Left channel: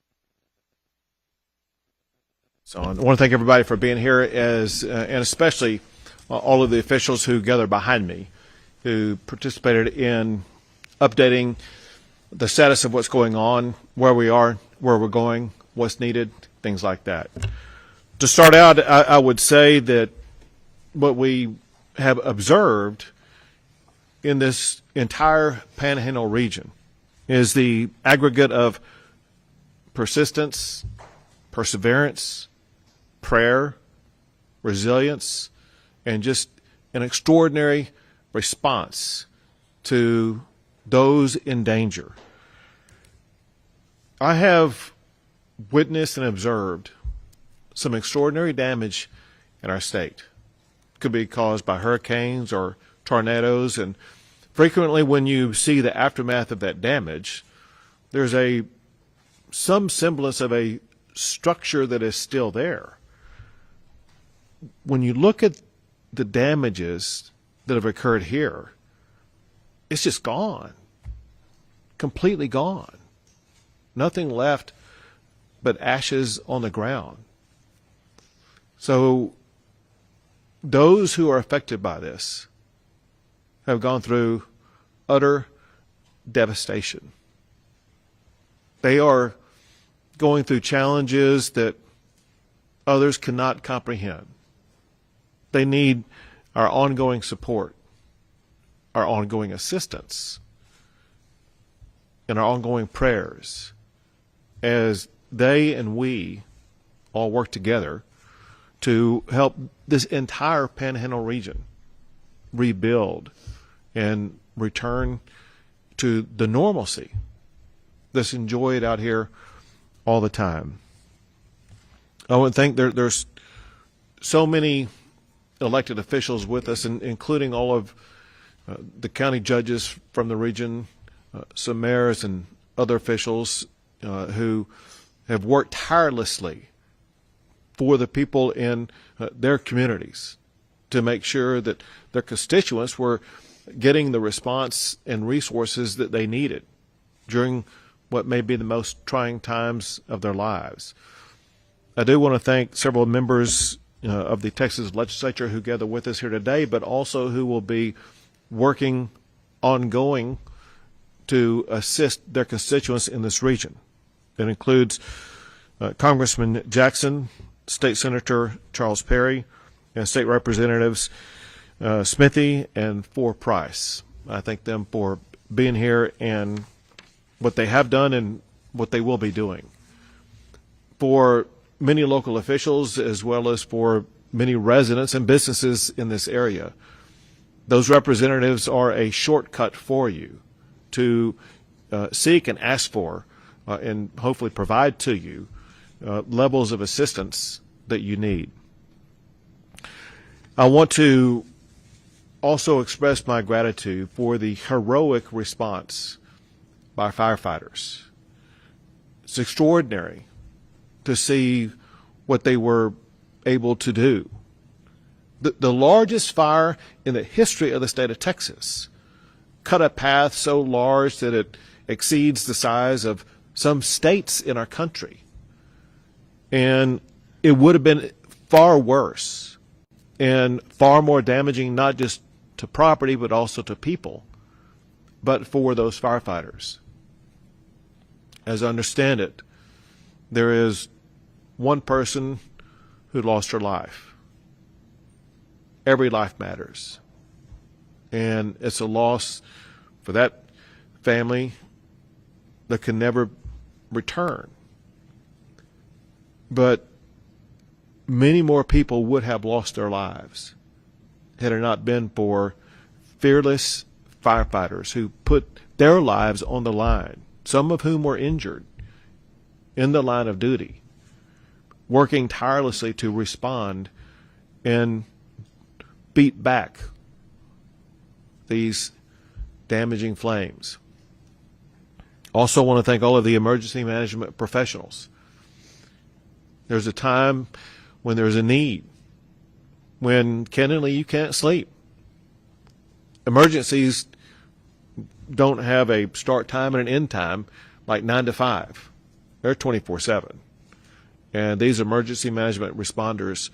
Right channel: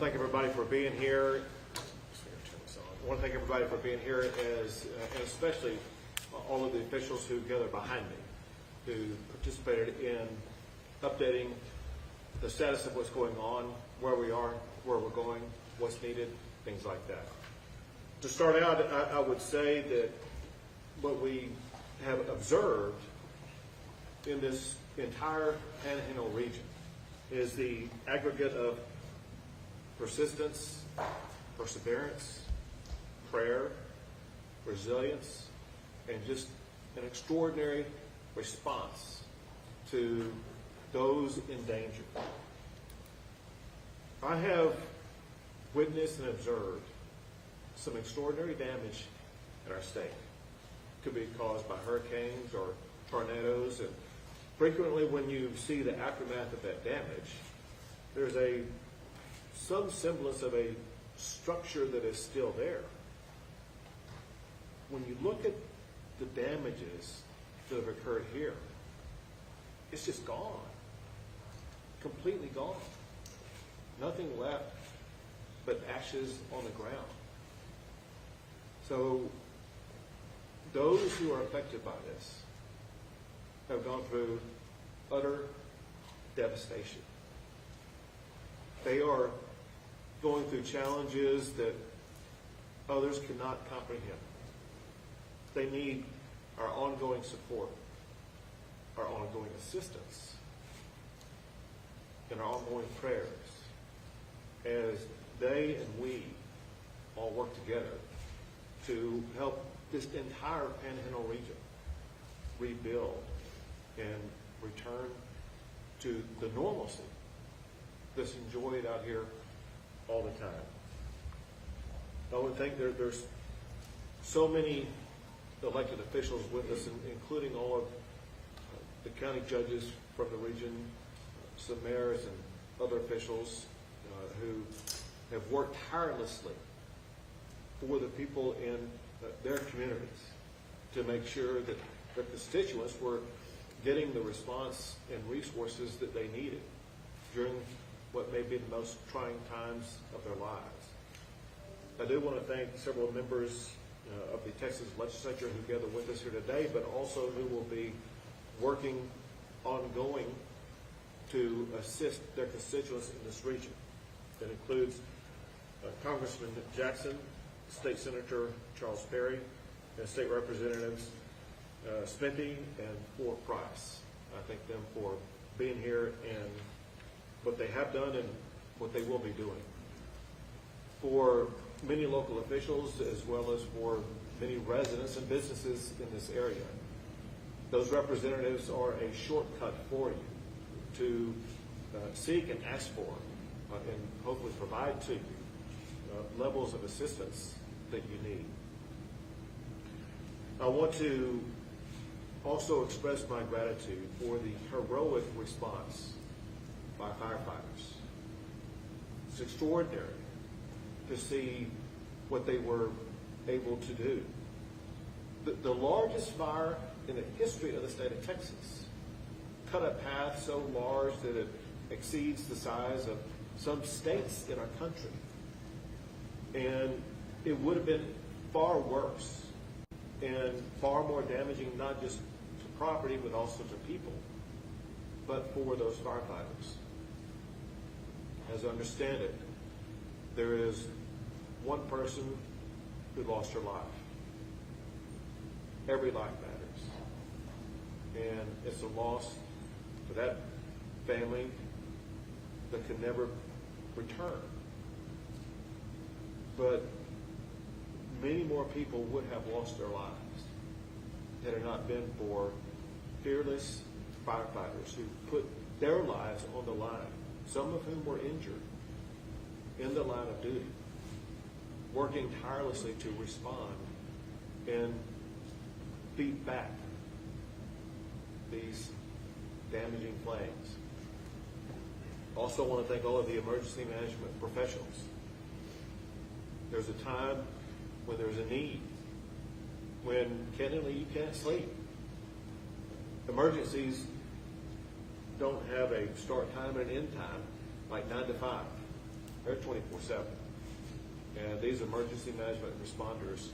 want to thank everybody for being here. I want to thank everybody for being here, and especially all of the officials who gathered behind me, who participated in updating the status of what's going on, where we are, where we're going, what's needed, things like that. To start out, I would say that what we have observed in this entire Panhandle region is the aggregate of persistence, perseverance, prayer, resilience, and just an extraordinary response to those in danger. I have witnessed and observed some extraordinary damage in our state. It could be caused by hurricanes or tornadoes, and frequently when you see the aftermath of that damage, there's some semblance of a structure that is still there. When you look at the damages that have occurred here, it's just gone, completely gone. Nothing left but ashes on the ground. So those who are affected by this have gone through utter devastation. They are going through challenges that others cannot comprehend. They need our ongoing support, our ongoing assistance, and our ongoing prayers as they and we all work together to help this entire Panhandle region rebuild and return to the normalcy that's enjoyed out here all the time. I would think there's so many elected officials with us, including all of the county judges from the region, some mayors and other officials who have worked tirelessly for the people in their communities to make sure that their constituents were getting the response and resources that they needed during what may be the most trying times of their lives. I do want to thank several members of the Texas legislature who gather with us here today, but also who will be working ongoing to assist their constituents in this region. That includes Congressman Jackson, State Senator Charles Perry, and State Representatives Smithy and Price. I thank them for being here and what they have done and what they will be doing. For many local officials, as well as for many residents and businesses in this area, those representatives are a shortcut for you to seek and ask for and hopefully provide to you levels of assistance that you need. I want to also express my gratitude for the heroic response by firefighters. It's extraordinary to see what they were able to do. The largest fire in the history of the state of Texas cut a path so large that it exceeds the size of some states in our country. And it would have been far worse and far more damaging, not just to property, but also to people, but for those firefighters. As I understand it, there is one person who lost her life. Every life matters. And it's a loss for that family that can never return. But many more people would have lost their lives had it not been for fearless firefighters who put their lives on the line, some of whom were injured in the line of duty, working tirelessly to respond and beat back these damaging flames. Also want to thank all of the emergency management professionals. There's a time when there's a need, when candidly you can't sleep. Emergencies don't have a start time and an end time like 9 to 5. They're 24/7. And these emergency management responders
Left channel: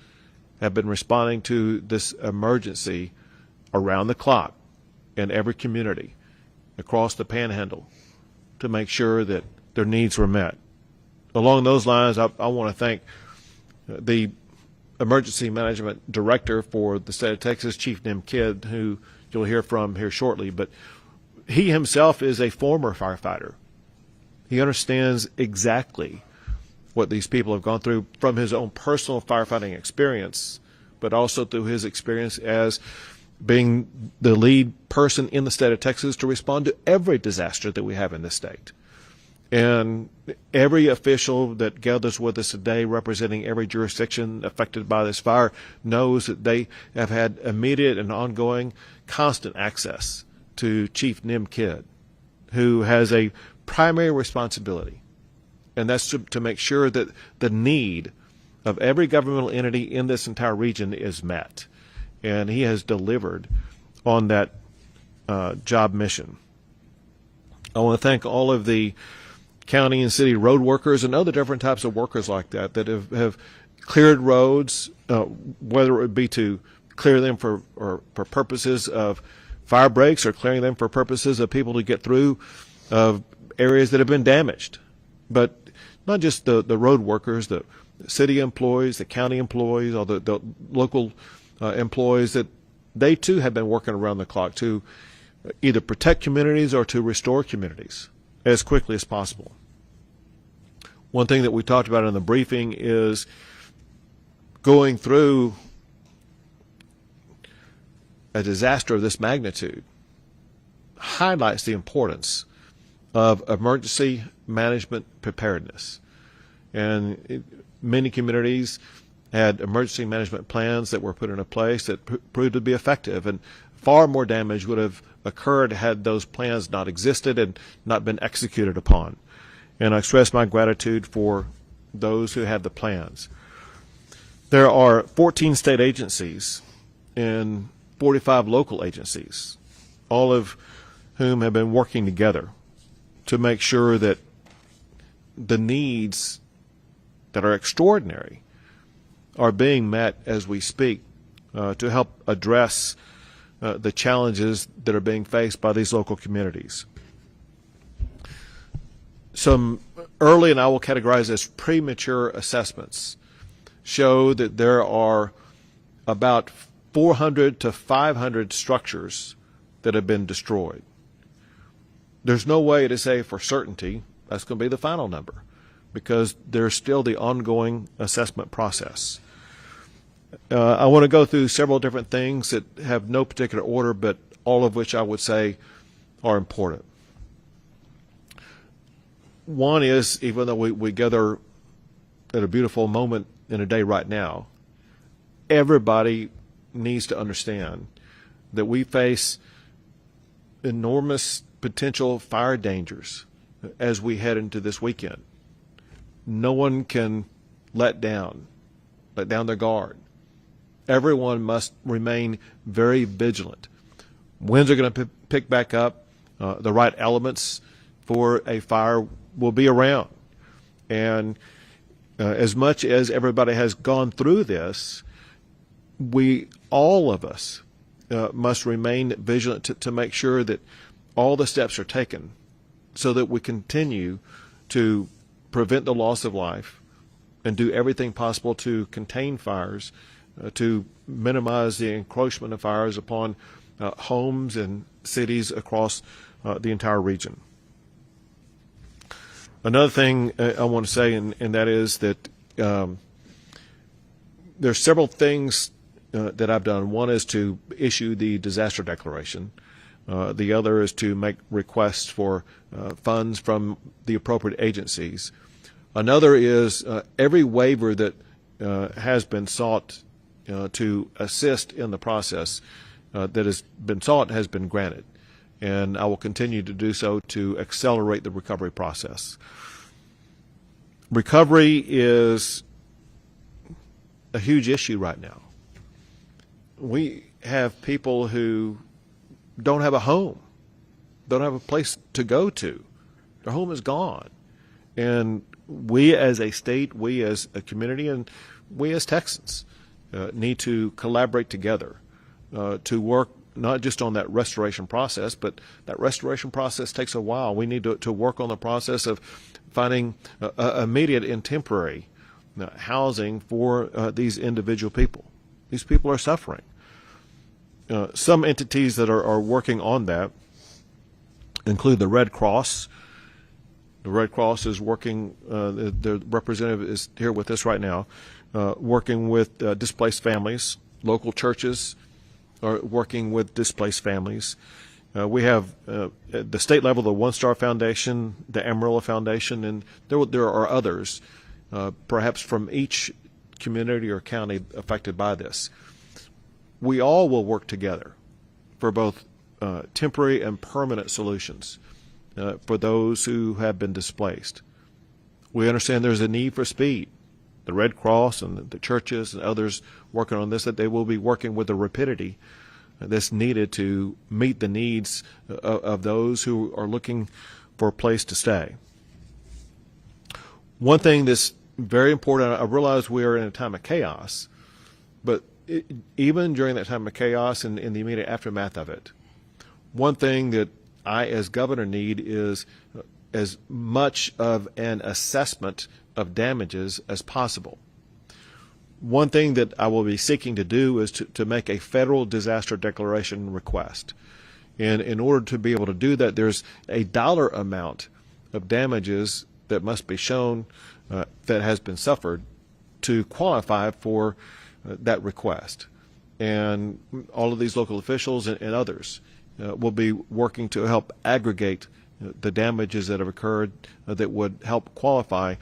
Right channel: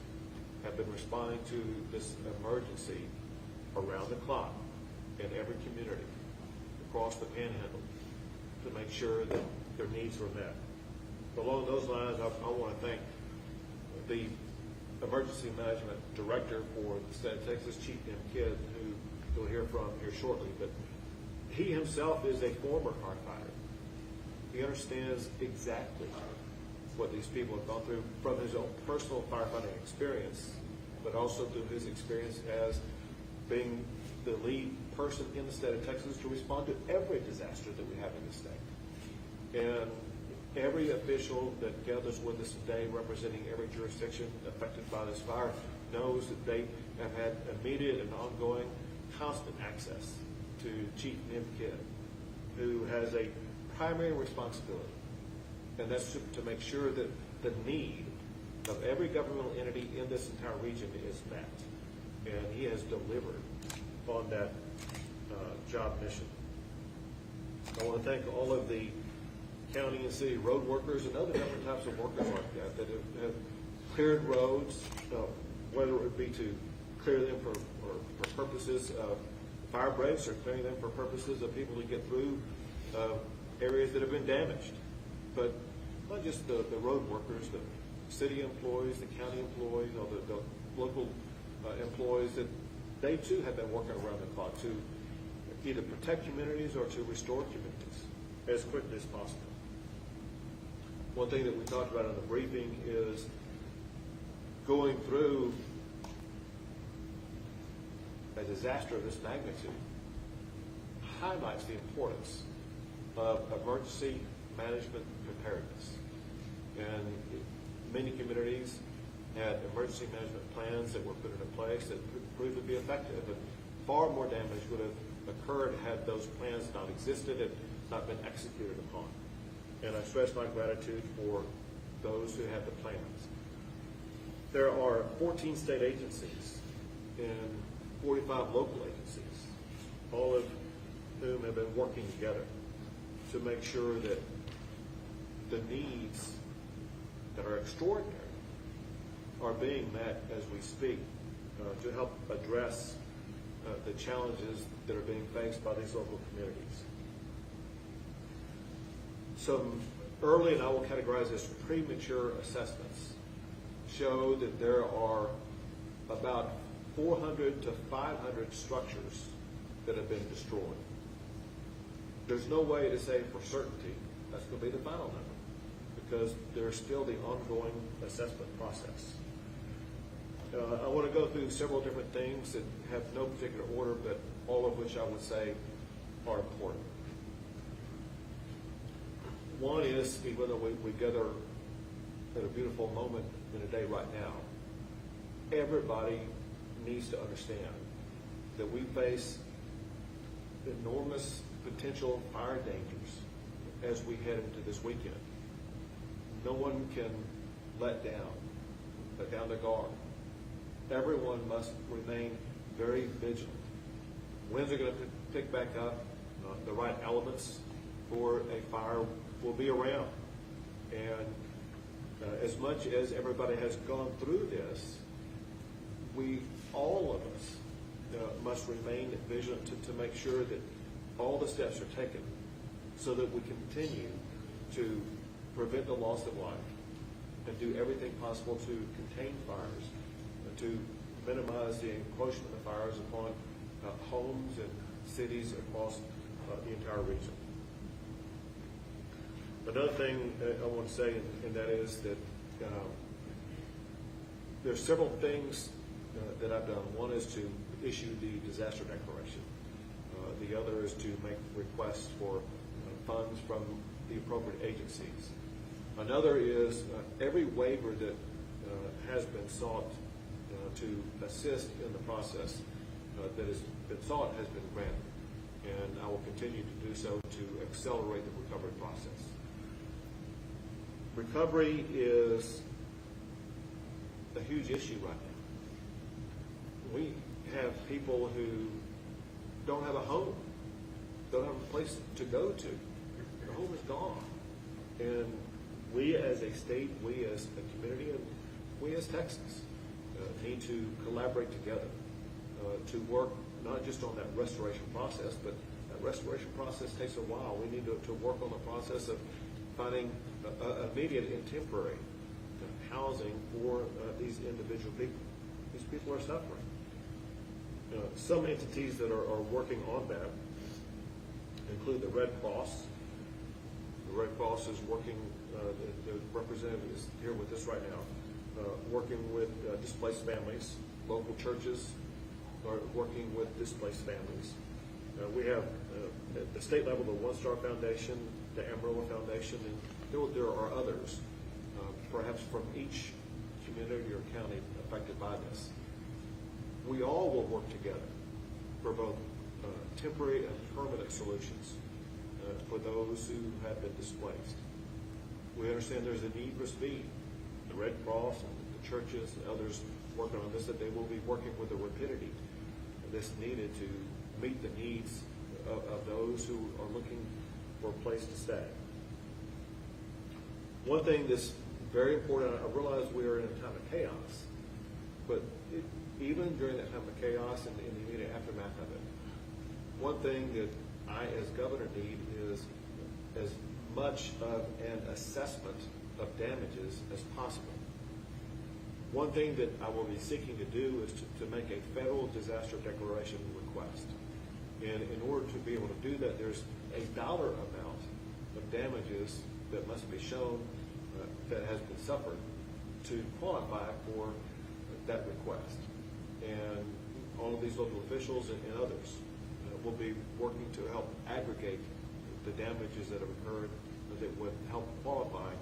have been responding to this emergency around the clock in every community across the Panhandle to make sure that their needs were met. Along those lines, I want to thank the Emergency Management Director for the state of Texas, Chief Nim Kidd, who you'll hear from here shortly. But he himself is a former firefighter. He understands exactly what these people have gone through from his own personal firefighting experience, but also through his experience as being the lead person in the state of Texas to respond to every disaster that we have in this state. And every official that gathers with us today representing every jurisdiction affected by this fire knows that they have had immediate and ongoing constant access to Chief Nim Kidd, who has a primary responsibility, and that's to make sure that the need of every governmental entity in this entire region is met. And he has delivered on that job mission. I want to thank all of the county and city road workers and other different types of workers like that that have cleared roads, whether it would be to clear them for purposes of fire breaks or clearing them for purposes of people to get through areas that have been damaged. But not just the road workers, the city employees, the county employees, or the local employees, that they too have been working around the clock to either protect communities or to restore communities as quickly as possible. One thing that we talked about in the briefing is going through a disaster of this magnitude highlights the importance of emergency management preparedness. And many communities had emergency management plans that were put into place that proved to be effective, and far more damage would have occurred had those plans not existed and not been executed upon. And I express my gratitude for those who had the plans. There are 14 state agencies and 45 local agencies, all of whom have been working together to make sure that the needs that are extraordinary are being met as we speak, to help address the challenges that are being faced by these local communities. Some early, and I will categorize as premature assessments, show that there are about 400 to 500 structures that have been destroyed. There's no way to say for certainty that's going to be the final number, because there's still the ongoing assessment process. I want to go through several different things that have no particular order, but all of which I would say are important. One is, even though we gather at a beautiful moment in a day right now, everybody needs to understand that we face enormous potential fire dangers as we head into this weekend. No one can let down their guard. Everyone must remain very vigilant. Winds are going to pick back up. The right elements for a fire will be around. And as much as everybody has gone through this, all of us must remain vigilant to make sure that all the steps are taken so that we continue to prevent the loss of life and do everything possible to contain fires, to minimize the encroachment of fires upon homes and cities across the entire region. Another thing I want to say, and that is that there's several things that I've done. One is to issue the disaster declaration. The other is to make requests for funds from the appropriate agencies. Another is every waiver that has been sought to assist in the process that has been sought has been granted. And I will continue to do so to accelerate the recovery process. Recovery is a huge issue right now. We have people who don't have a home, don't have a place to go to. Their home is gone. And we as a state, we as a community, and we as Texans need to collaborate together to work not just on that restoration process, but that restoration process takes a while. We need to work on the process of finding immediate and temporary housing for these individual people. These people are suffering. Some entities that are working on that include the Red Cross. The Red Cross is working, their representative is here with us right now, working with displaced families. Local churches are working with displaced families. We have at the state level the One Star Foundation, the Amarillo Foundation, and there are others, perhaps from each community or county affected by this. We all will work together for both temporary and permanent solutions for those who have been displaced. We understand there's a need for speed. The Red Cross and the churches and others working on this, that they will be working with the rapidity that's needed to meet the needs of those who are looking for a place to stay. One thing that's very important, I realize we are in a time of chaos, but even during that time of chaos and in the immediate aftermath of it, one thing that I as governor need is as much of an assessment of damages as possible. One thing that I will be seeking to do is to make a federal disaster declaration request. And in order to be able to do that, there's a dollar amount of damages that must be shown that has been suffered to qualify for that request. And all of these local officials and others will be working to help aggregate the damages that have occurred that would help qualify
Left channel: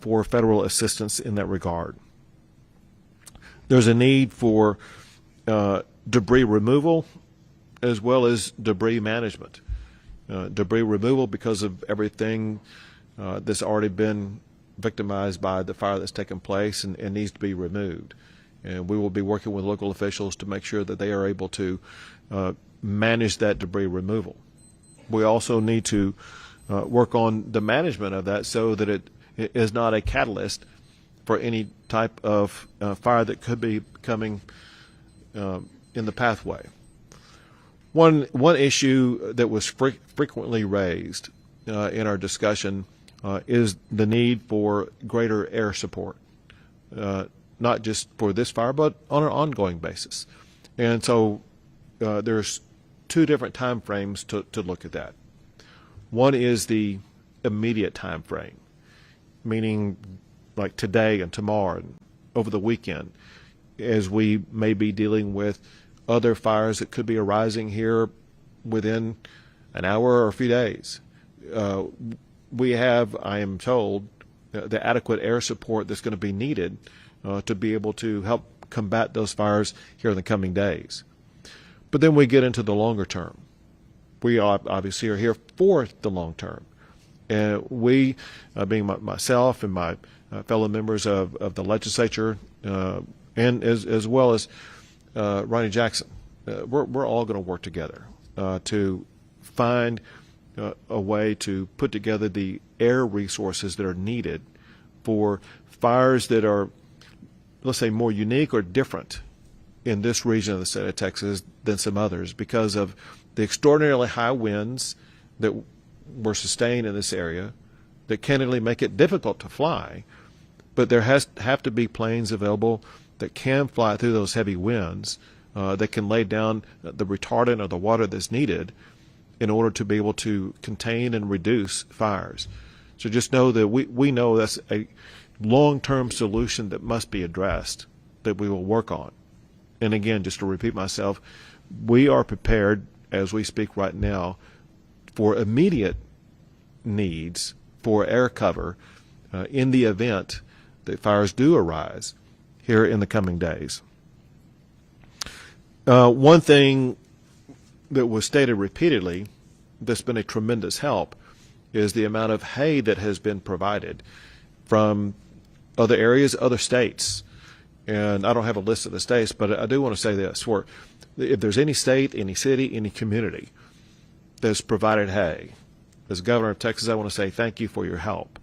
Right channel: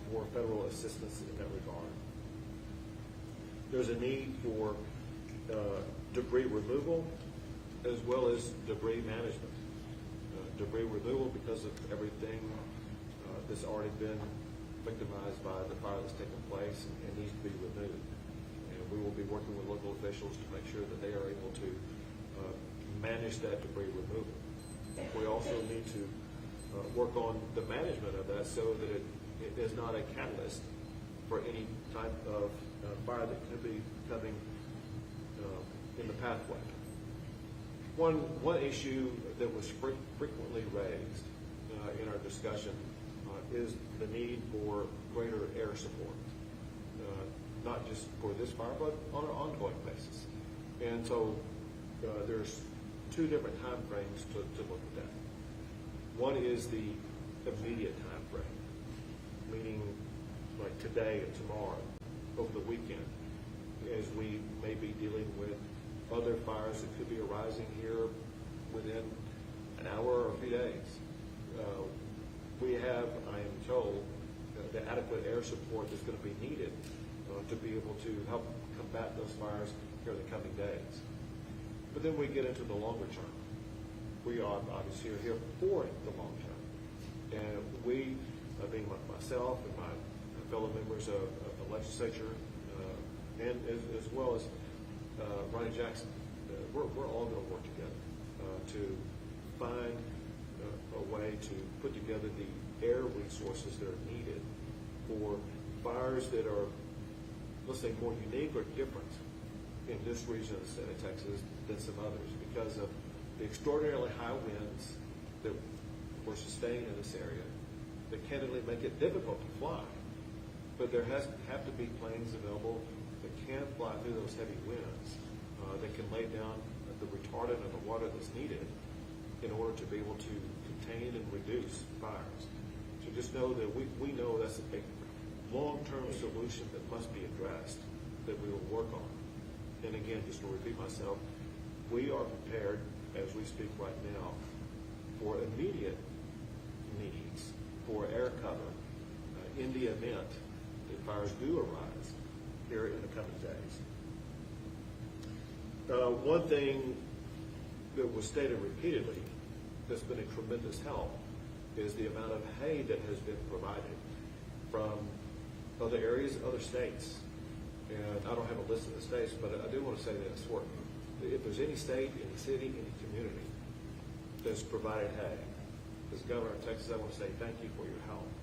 for federal assistance in that regard. There's a need for debris removal as well as debris management. Debris removal because of everything that's already been victimized by the fire that's taken place and needs to be removed. And we will be working with local officials to make sure that they are able to manage that debris removal. We also need to work on the management of that so that it is not a catalyst for any type of fire that could be coming in the pathway. One issue that was frequently raised in our discussion is the need for greater air support, not just for this fire, but on an ongoing basis. And so there's two different time frames to look at that. One is the immediate time frame, meaning like today and tomorrow and over the weekend, as we may be dealing with other fires that could be arising here within an hour or a few days. We have, I am told, the adequate air support that's going to be needed to be able to help combat those fires here in the coming days. But then we get into the longer term. We obviously are here for the long term. And we, being myself and my fellow members of the legislature, and as well as Ronnie Jackson, we're all going to work together to find a way to put together the air resources that are needed for fires that are, let's say, more unique or different in this region of the state of Texas than some others because of the extraordinarily high winds that were sustained in this area that candidly make it difficult to fly. But there have to be planes available that can fly through those heavy winds, that can lay down the retardant or the water that's needed in order to be able to contain and reduce fires. So just know that we know that's a long-term solution that must be addressed, that we will work on. And again, just to repeat myself, we are prepared as we speak right now for immediate needs for air cover in the event that fires do arise here in the coming days. One thing that was stated repeatedly that's been a tremendous help is the amount of hay that has been provided from other areas, other states. And I don't have a list of the states, but I do want to say this. If there's any state, any city, any community that's provided hay, as governor of Texas, I want to say thank you for your help.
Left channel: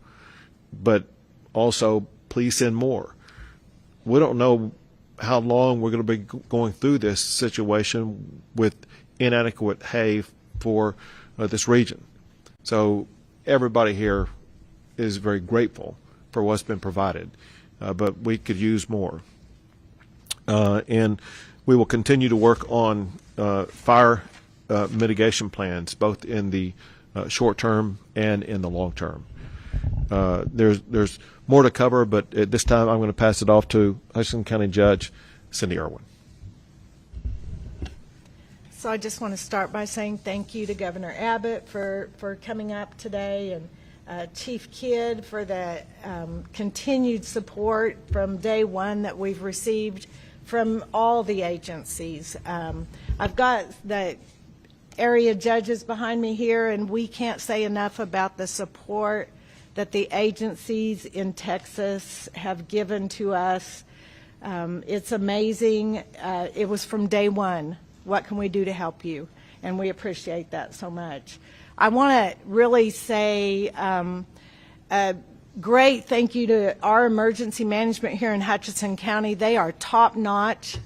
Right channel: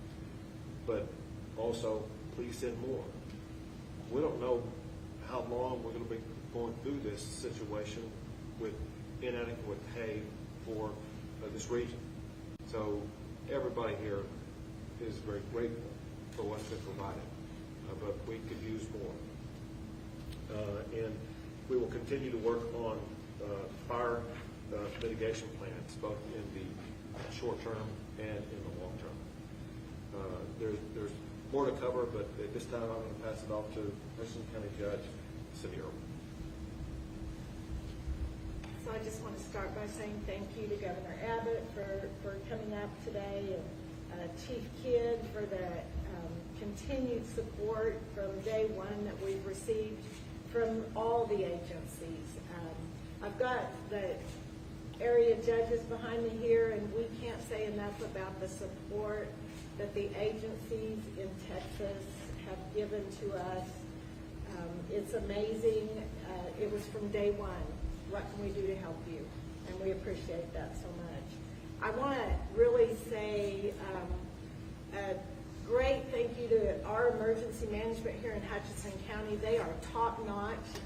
but also please send more. We don't know how long we're going to be going through this situation with inadequate hay for this region. So everybody here is very grateful for what's been provided, but we could use more. And we will continue to work on fire mitigation plans, both in the short term and in the long term. There's more to cover, but at this time I'm going to pass it off to Hutchinson County Judge Cindy Irwin. So I just want to start by saying thank you to Governor Abbott for coming up today, and Chief Kidd for the continued support from day one that we've received from all the agencies. I've got the area judges behind me here, and we can't say enough about the support that the agencies in Texas have given to us. It's amazing. It was from day one. What can we do to help you? And we appreciate that so much. I want to really say a great thank you to our emergency management here in Hutchinson County. They are top notch.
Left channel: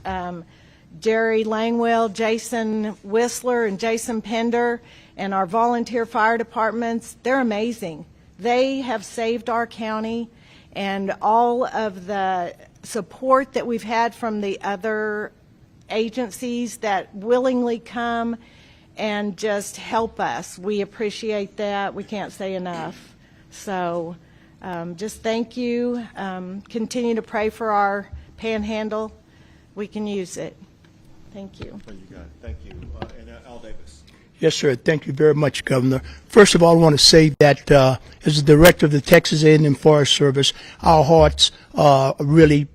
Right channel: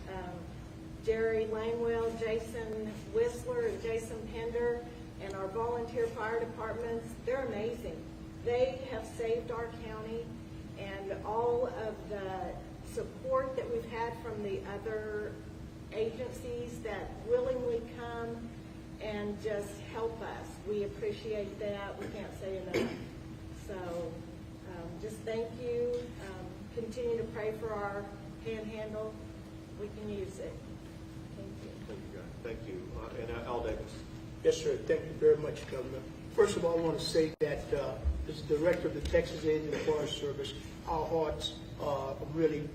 Jerry Langwell, Jason Whistler, and Jason Pender, and our volunteer fire departments, they're amazing. They have saved our county, and all of the support that we've had from the other agencies that willingly come and just help us. We appreciate that. We can't say enough. So just thank you. Continue to pray for our Panhandle. We can use it. Thank you. Thank you, guys. Thank you. And Al Davis. Yes, sir. Thank you very much, Governor. First of all, I want to say that as the director of the Texas A&M Forest Service, our hearts really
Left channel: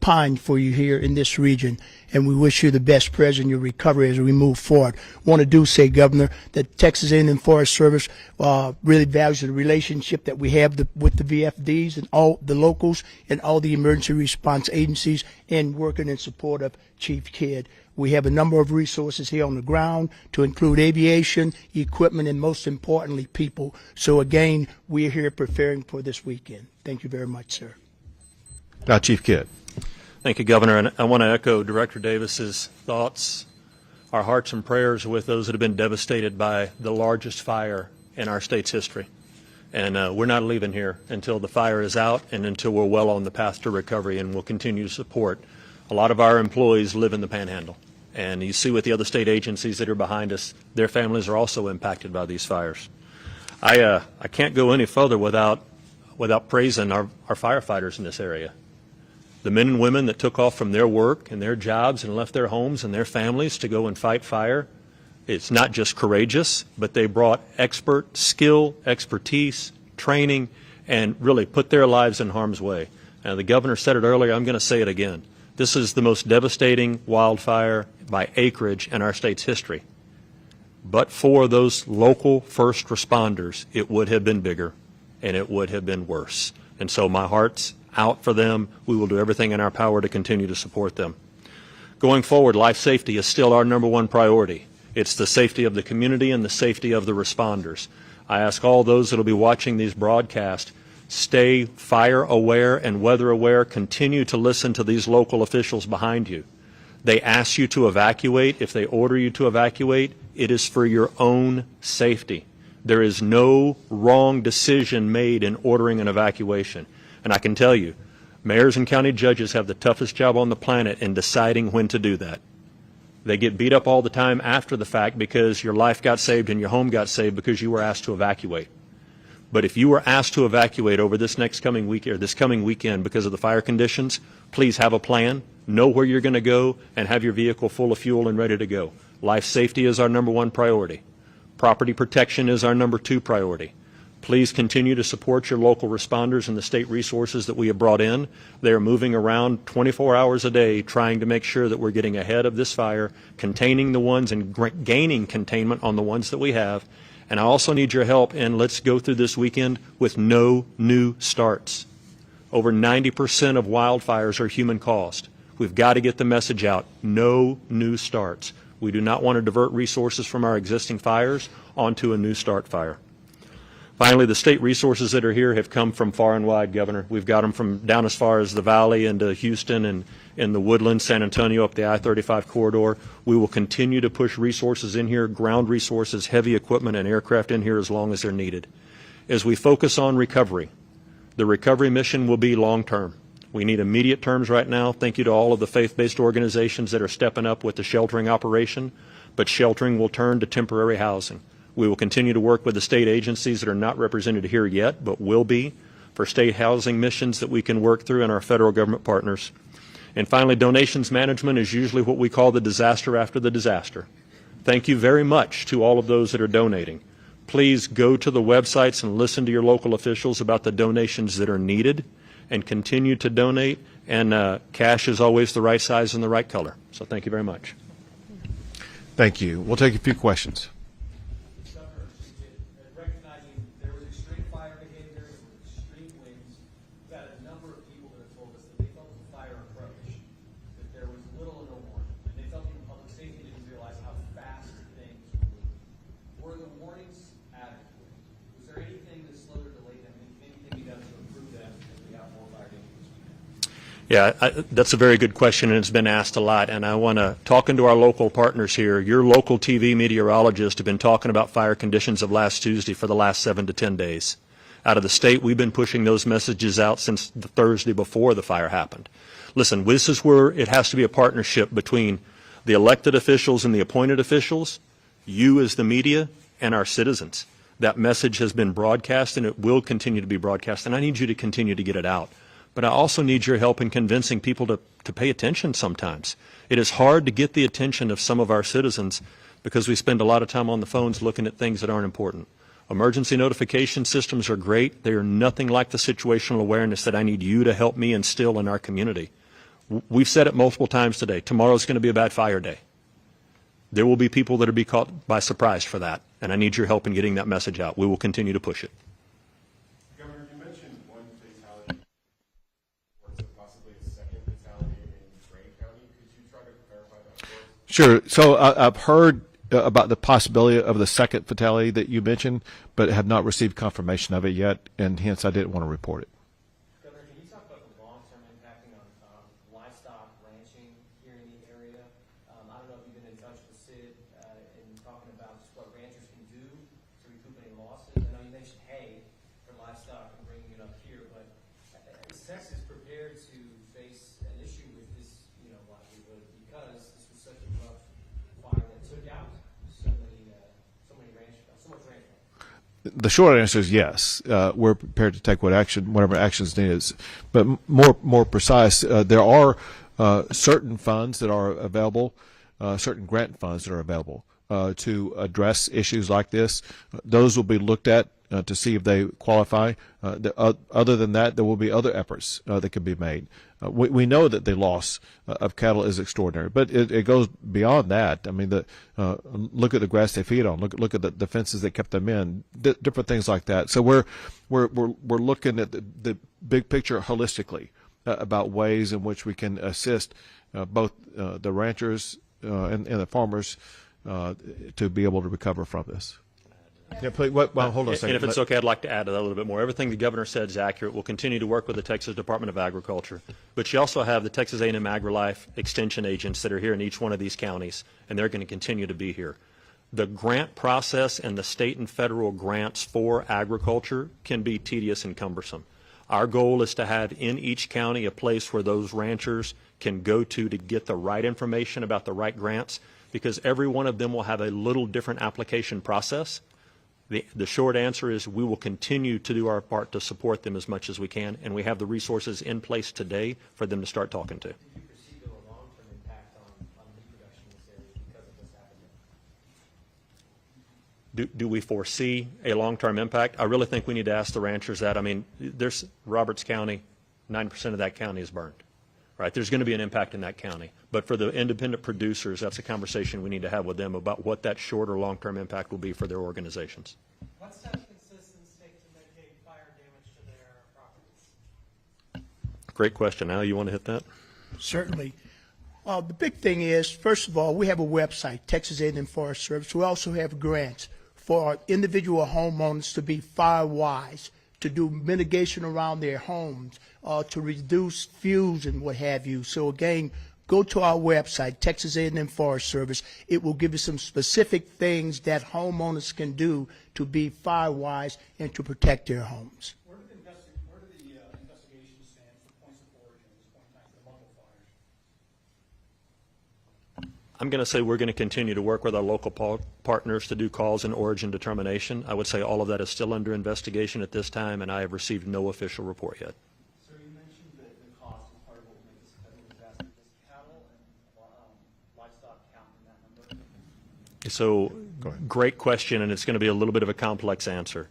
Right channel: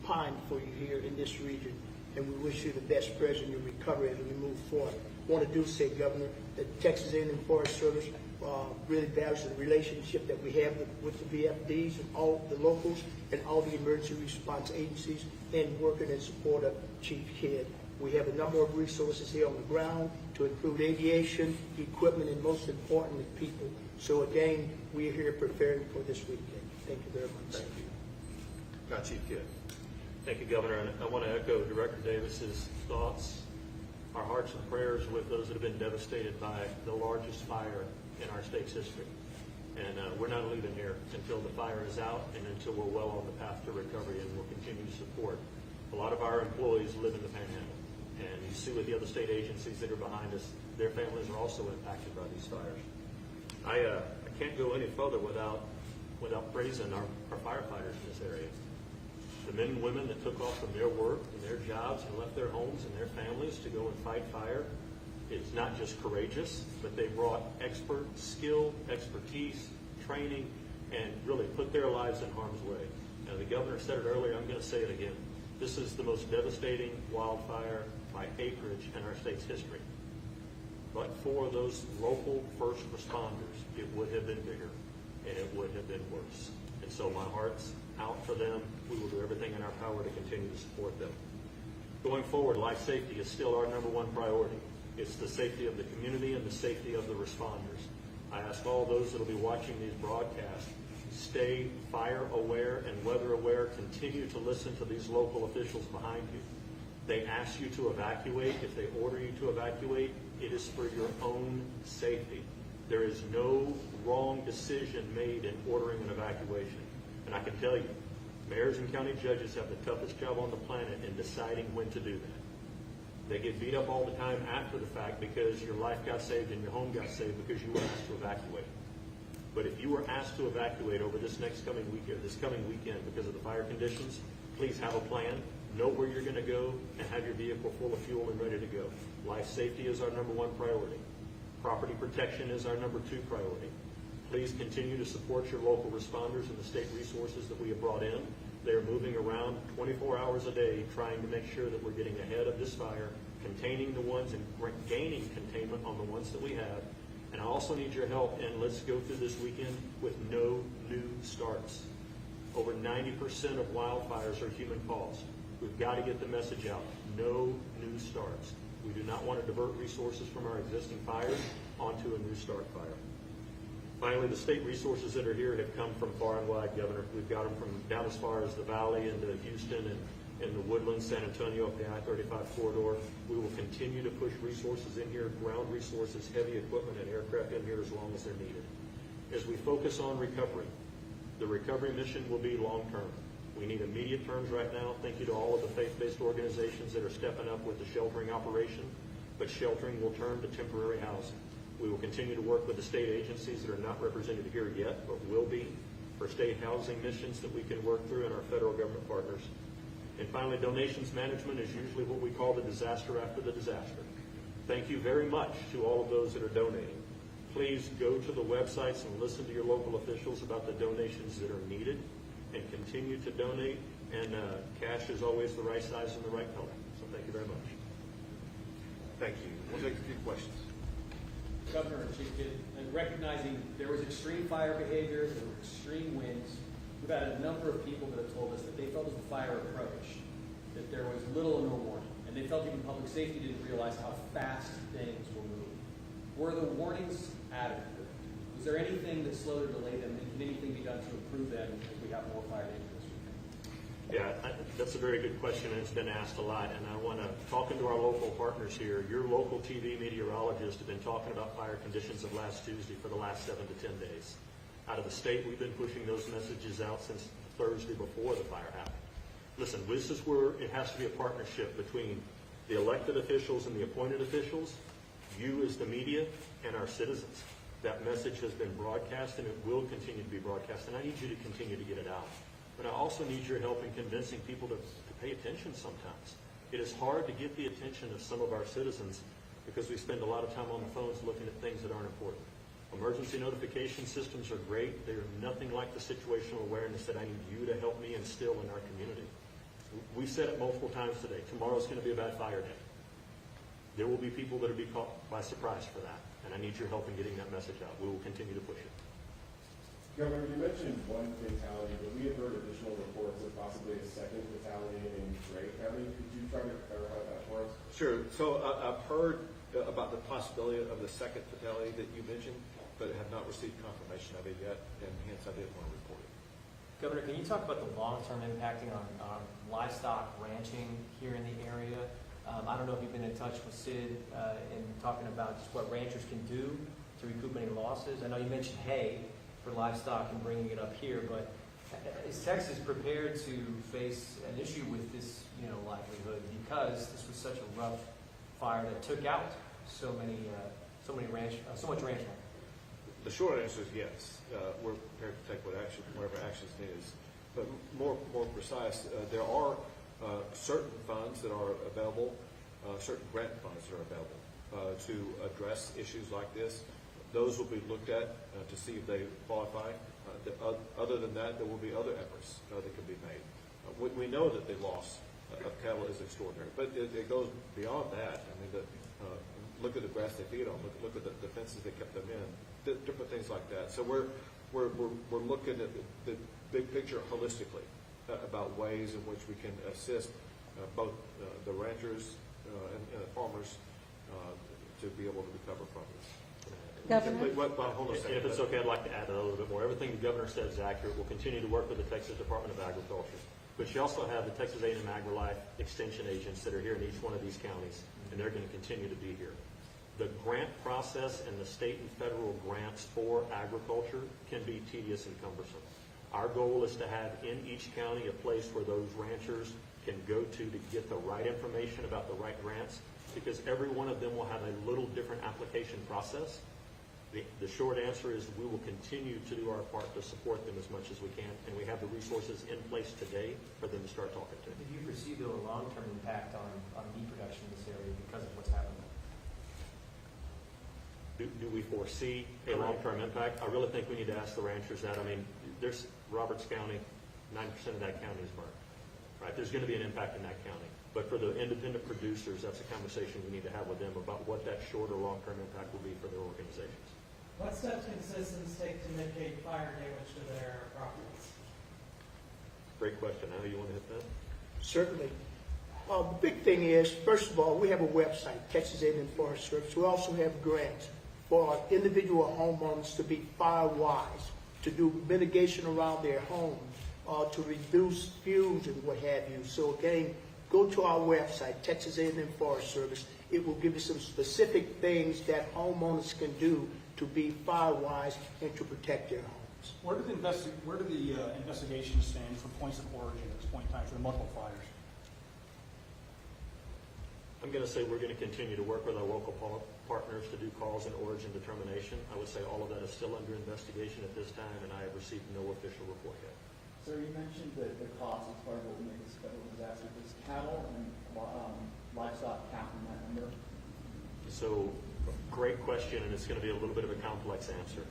pine for you here in this region, and we wish you the best present in your recovery as we move forward. I want to say, Governor, that Texas A&M Forest Service really values the relationship that we have with the VFDs and all the locals and all the emergency response agencies, and working in support of Chief Kidd. We have a number of resources here on the ground to include aviation, equipment, and most importantly, people. So again, we're here preparing for this weekend. Thank you very much, sir. Now, Chief Kidd. Thank you, Governor. And I want to echo Director Davis's thoughts. Our hearts and prayers are with those that have been devastated by the largest fire in our state's history. And we're not leaving here until the fire is out and until we're well on the path to recovery, and we'll continue to support. A lot of our employees live in the Panhandle, and you see with the other state agencies that are behind us, their families are also impacted by these fires. I can't go any further without praising our firefighters in this area. The men and women that took off from their work and their jobs and left their homes and their families to go and fight fire, it's not just courageous, but they brought expert skill, expertise, training, and really put their lives in harm's way. Now, the governor said it earlier, I'm going to say it again. This is the most devastating wildfire by acreage in our state's history. But for those local first responders, it would have been bigger and it would have been worse. And so my heart's out for them. We will do everything in our power to continue to support them. Going forward, life safety is still our #1 priority. It's the safety of the community and the safety of the responders. I ask all those that will be watching these broadcasts, stay fire aware and weather aware. Continue to listen to these local officials behind you. They ask you to evacuate. If they order you to evacuate, it is for your own safety. There is no wrong decision made in ordering an evacuation. And I can tell you, mayors and county judges have the toughest job on the planet in deciding when to do that. They get beat up all the time after the fact because your life got saved and your home got saved because you were asked to evacuate. But if you were asked to evacuate over this coming week or this coming weekend because of the fire conditions, please have a plan, know where you're going to go, and have your vehicle full of fuel and ready to go. Life safety is our #1 priority. Property protection is our #2 priority. Please continue to support your local responders and the state resources that we have brought in. They are moving around 24 hours a day trying to make sure that we're getting ahead of this fire, containing the ones and gaining containment on the ones that we have. And I also need your help, and let's go through this weekend with no new starts. Over 90% of wildfires are human caused. We've got to get the message out, no new starts. We do not want to divert resources from our existing fires onto a new start fire. Finally, the state resources that are here have come from far and wide, Governor. We've got them from down as far as the Valley into Houston and in the Woodlands, San Antonio, up the I-35 corridor. We will continue to push resources in here, ground resources, heavy equipment, and aircraft in here as long as they're needed. As we focus on recovery, the recovery mission will be long-term. We need immediate terms right now. Thank you to all of the faith-based organizations that are stepping up with the sheltering operation, but sheltering will turn to temporary housing. We will continue to work with the state agencies that are not represented here yet, but will be, for state housing missions that we can work through, and our federal government partners. And finally, donations management is usually what we call the disaster after the disaster. Thank you very much to all of those that are donating. Please go to the websites and listen to your local officials about the donations that are needed, and continue to donate. And cash is always the right size and the right color. So thank you very much. Thank you. We'll take a few questions. Governor, recognizing there was extreme fire behavior, there were extreme winds, we've had a number of people that have told us that they felt as the fire approached, that there was little or no warning, and they felt even public safety didn't realize how fast things were moving. Were the warnings adequate? Was there anything that slowed or delayed them, and can anything be done to improve them as we have more fire incidents? Yeah, that's a very good question, and it's been asked a lot. And I want to, talking to our local partners here, your local TV meteorologists have been talking about fire conditions of last Tuesday for the last 7 to 10 days. Out of the state, we've been pushing those messages out since the Thursday before the fire happened. Listen, this is where it has to be a partnership between the elected officials and the appointed officials, you as the media, and our citizens. That message has been broadcast, and it will continue to be broadcast, and I need you to continue to get it out. But I also need your help in convincing people to pay attention sometimes. It is hard to get the attention of some of our citizens because we spend a lot of time on the phones looking at things that aren't important. Emergency notification systems are great. They are nothing like the situational awareness that I need you to help me instill in our community. We've said it multiple times today. Tomorrow's going to be a bad fire day. There will be people that will be caught by surprise for that, and I need your help in getting that message out. We will continue to push it. Governor, you mentioned one fatality, but we have heard additional reports of possibly a second fatality in Gray County. Could you try to clarify that for us? Sure. So I've heard about the possibility of the second fatality that you mentioned, but have not received confirmation of it yet, and hence I didn't want to report it. Governor, can you talk about the long-term impacting on livestock ranching here in the area? I don't know if you've been in touch with Sid in talking about just what ranchers can do to recoup any losses. I know you mentioned hay for livestock and bringing it up here, but is Texas prepared to face an issue with this, livelihood, because this was such a rough fire that took out so much ranch land? The short answer is yes. We're prepared to take whatever actions needed. But more precise, there are certain funds that are available, certain grant funds that are available to address issues like this. Those will be looked at to see if they qualify. Other than that, there will be other efforts that can be made. We know that the loss of cattle is extraordinary, but it goes beyond that. I mean, look at the grass they feed on. Look at the fences that kept them in. Different things like that. So we're looking at the big picture holistically about ways in which we can assist both the ranchers and the farmers to be able to recover from this. Yeah, please, hold on a second. And if it's okay, I'd like to add to that a little bit more. Everything the governor said is accurate. We'll continue to work with the Texas Department of Agriculture. But you also have the Texas A&M AgriLife Extension agents that are here in each one of these counties, and they're going to continue to be here. The grant process and the state and federal grants for agriculture can be tedious and cumbersome. Our goal is to have in each county a place where those ranchers can go to get the right information about the right grants, because every one of them will have a little different application process. The short answer is we will continue to do our part to support them as much as we can, and we have the resources in place today for them to start talking to. Do you foresee, though, a long-term impact on meat production in this area because of what's happening? Do we foresee a long-term impact? I really think we need to ask the ranchers that. I mean, there's Roberts County, 90% of that county is burned, right? There's going to be an impact in that county. But for the independent producers, that's a conversation we need to have with them about what that short or long-term impact will be for their organizations. What steps can citizens take to mitigate fire damage to their properties? Great question. Al, you want to hit that? Certainly. The big thing is, first of all, we have a website, Texas A&M Forest Service. We also have grants, for individual homeowners to be fire wise, to do mitigation around their homes, to reduce fuels and what have you. So again, go to our website, Texas A&M Forest Service. It will give you some specific things that homeowners can do to be fire wise and to protect their homes. Where do the investigations stand for points of origin at this point in time for the multiple fires? I'm going to say we're going to continue to work with our local partners to do cause and origin determination. I would say all of that is still under investigation at this time, and I have received no official report yet. So you mentioned the cost as part of what will make this federal disaster. Does cattle and livestock count in that number? So, great question, and it's going to be a little bit of a complex answer.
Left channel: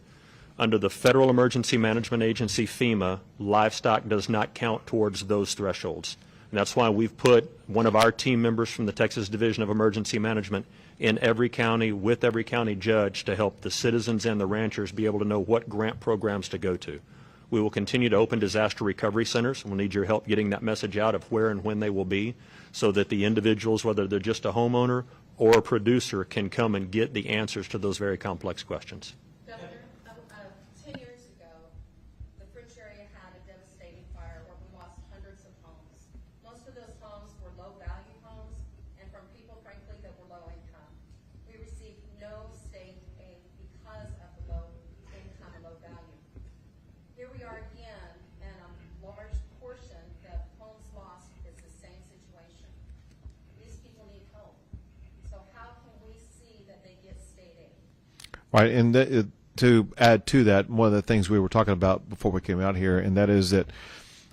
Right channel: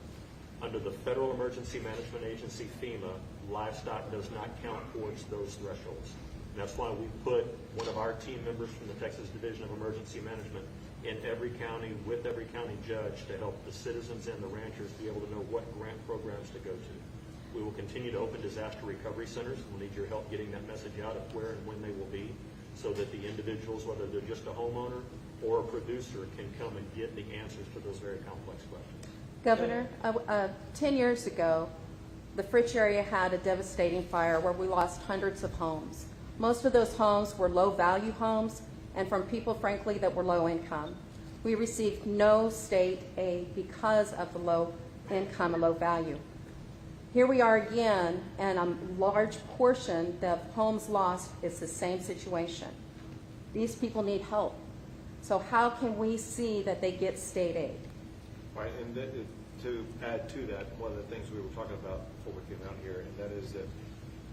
Under the Federal Emergency Management Agency, FEMA, livestock does not count towards those thresholds. And that's why we've put one of our team members from the Texas Division of Emergency Management in every county with every county judge to help the citizens and the ranchers be able to know what grant programs to go to. We will continue to open disaster recovery centers. We'll need your help getting that message out of where and when they will be so that the individuals, whether they're just a homeowner or a producer, can come and get the answers to those very complex questions. Governor, 10 years ago, the Fritch area had a devastating fire where we lost hundreds of homes. Most of those homes were low-value homes and from people, frankly, that were low income. We received no state aid because of the low income and low value. Here we are again, and a large portion of homes lost is the same situation. These people need help. So how can we see that they get state aid? Right, and to add to that, one of the things we were talking about before we came out here, and that is that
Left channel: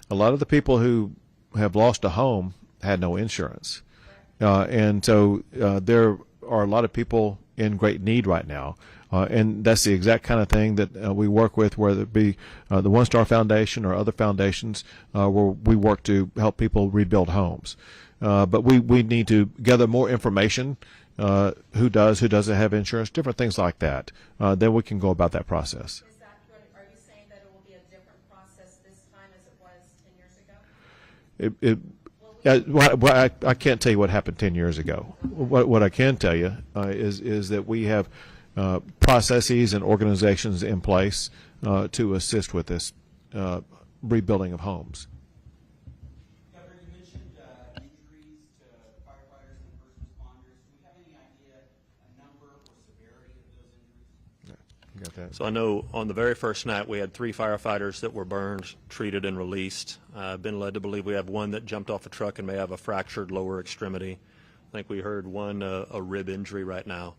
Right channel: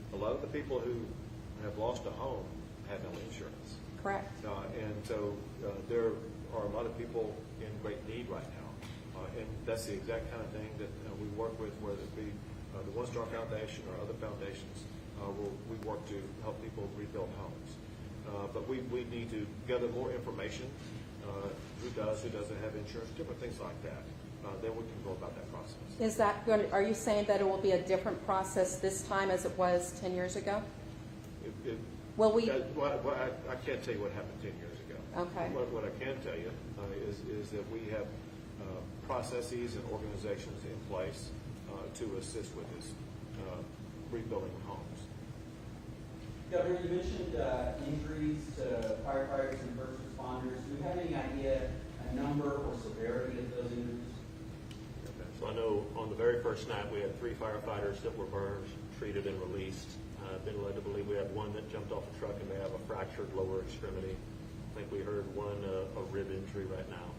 a lot of the people who have lost a home had no insurance. Correct. And so there are a lot of people in great need right now. And that's the exact kind of thing that we work with, whether it be the One Star Foundation or other foundations, where we work to help people rebuild homes. But we need to gather more information, who does, who doesn't have insurance, different things like that. Then we can go about that process. Is that going to, are you saying that it will be a different process this time as it was 10 years ago? Will we? Well, I can't tell you what happened 10 years ago. Okay. What I can tell you is that we have processes and organizations in place to assist with this rebuilding of homes. Governor, you mentioned injuries to firefighters and first responders. Do you have any idea, a number or severity of those injuries? So I know on the very first night we had 3 firefighters that were burned, treated, and released. I've been led to believe we have one that jumped off a truck and may have a fractured lower extremity. I think we heard one a rib injury right now.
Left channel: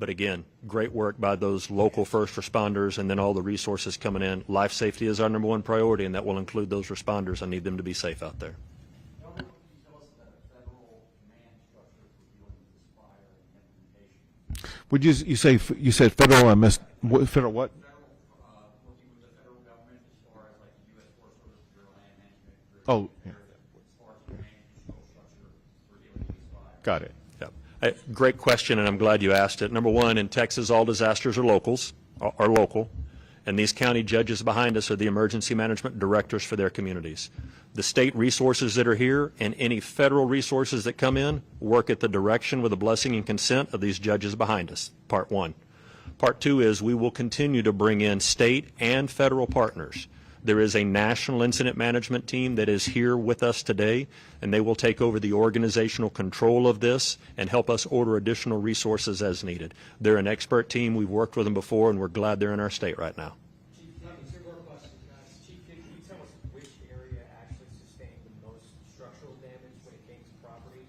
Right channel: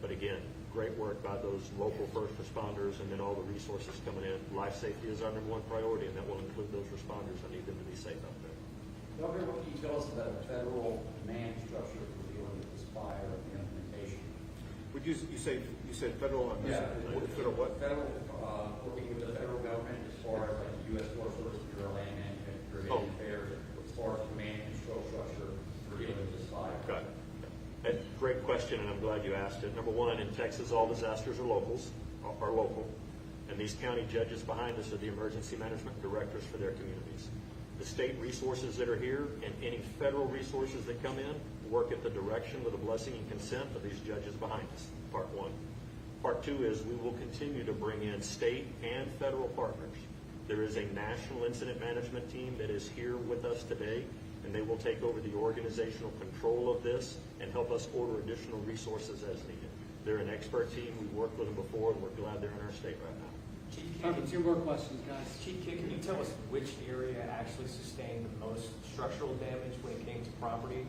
But again, great work by those local first responders and then all the resources coming in. Life safety is our #1 priority, and that will include those responders. I need them to be safe out there. Governor, what can you tell us about a federal command structure for dealing with this fire and implementation? Would you said federal? I missed federal what? Federal, working with the federal government as far as like the U.S. Forest Service, Bureau of Land Management, Bureau Oh. of Affairs, as far as command and control structure for dealing with this fire. Got it. Great question, and I'm glad you asked it. #1, in Texas, all disasters are local, and these county judges behind us are the emergency management directors for their communities. The state resources that are here and any federal resources that come in work at the direction with the blessing and consent of these judges behind us, part 1. Part 2 is we will continue to bring in state and federal partners. There is a national incident management team that is here with us today, and they will take over the organizational control of this and help us order additional resources as needed. They're an expert team. We've worked with them before, and we're glad they're in our state right now. Chief Kidd, 2 more questions, guys. Chief Kidd, can you tell us which area actually sustained the most structural damage when it came to property?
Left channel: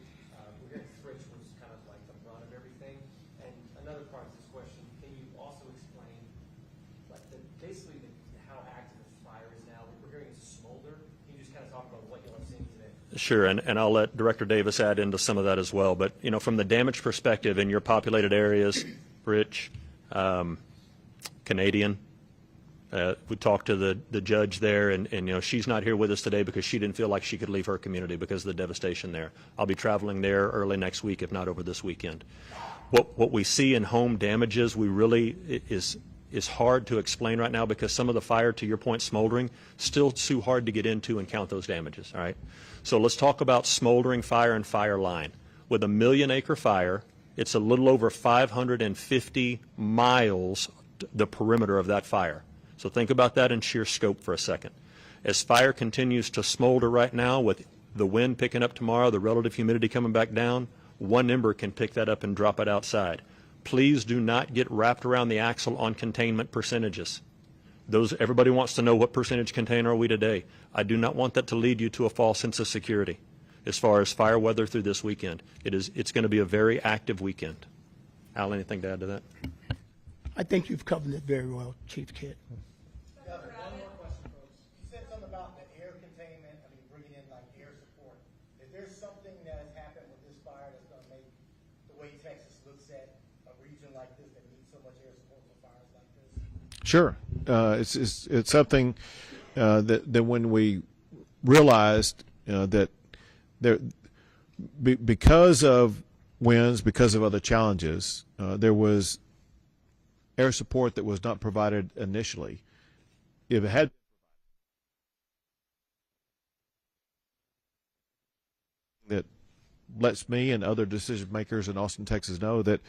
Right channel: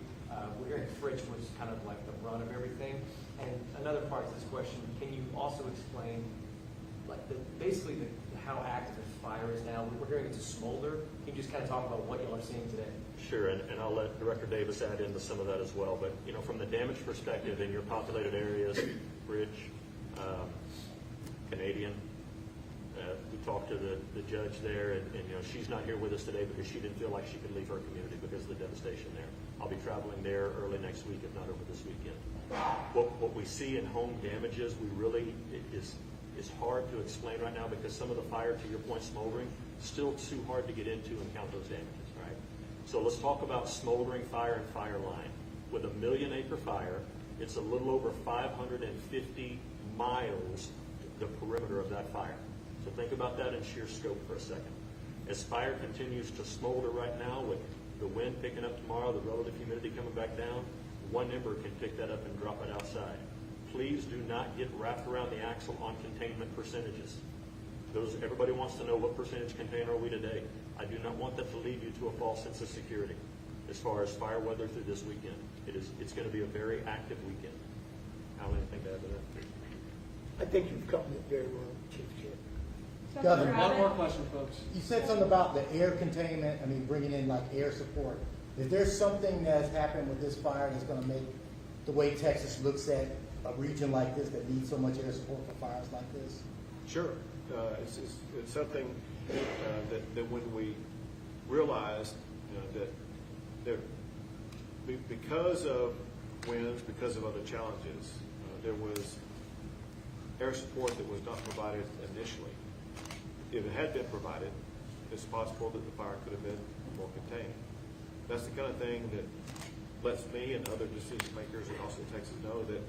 We're hearing Fritch was kind of like the run of everything. And another part of this question, can you also explain like basically how active the fire is now? We're hearing it's a smolder. Can you just kind of talk about what you are seeing today? Sure, and I'll let Director Davis add into some of that as well. But, you know, from the damage perspective in your populated areas, Rich, Canadian, we talked to the judge there, and, you know, she's not here with us today because she didn't feel like she could leave her community because of the devastation there. I'll be traveling there early next week, if not over this weekend. What we see in home damages, we really is hard to explain right now because some of the fire, to your point, smoldering, still too hard to get into and count those damages, all right? So let's talk about smoldering fire and fire line. With a 1 million acre fire, It's a little over 550 miles, the perimeter of that fire. So think about that in sheer scope for a second. As fire continues to smolder right now, with the wind picking up tomorrow, the relative humidity coming back down, one ember can pick that up and drop it outside. Please do not get wrapped around the axle on containment percentages. Everybody wants to know what percentage contained are we today. I do not want that to lead you to a false sense of security as far as fire weather through this weekend. It's going to be a very active weekend. Al, anything to add to that? I think you've covered it very well, Chief Kidd. Governor, one more question, folks. You said something about the air containment, I mean, bringing in like air support. Is there something that's happened with this fire that's gonna make the way Texas looks at a region like this that needs so much air support for fires like this? Sure. It's something that when we realized that because of winds, because of other challenges, there was air support that was not provided initially. If it had been provided, it's possible that the fire could have been more contained. That's the kind of thing that lets me and other decision makers in Austin, Texas know that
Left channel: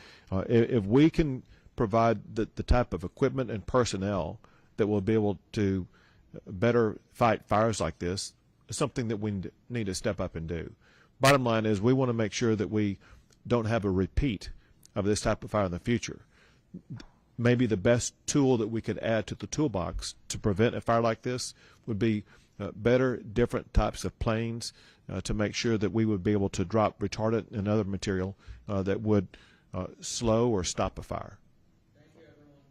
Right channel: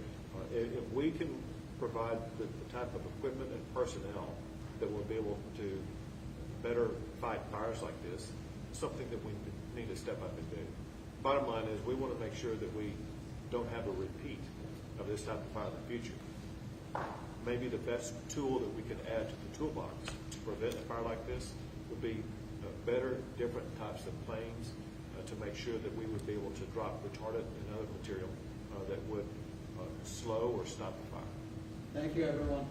if we can provide the type of equipment and personnel that will be able to better fight fires like this, it's something that we need to step up and do. Bottom line is we want to make sure that we don't have a repeat of this type of fire in the future. Maybe the best tool that we could add to the toolbox to prevent a fire like this would be better, different types of planes to make sure that we would be able to drop retardant and other material that would slow or stop a fire. Thank you, everyone.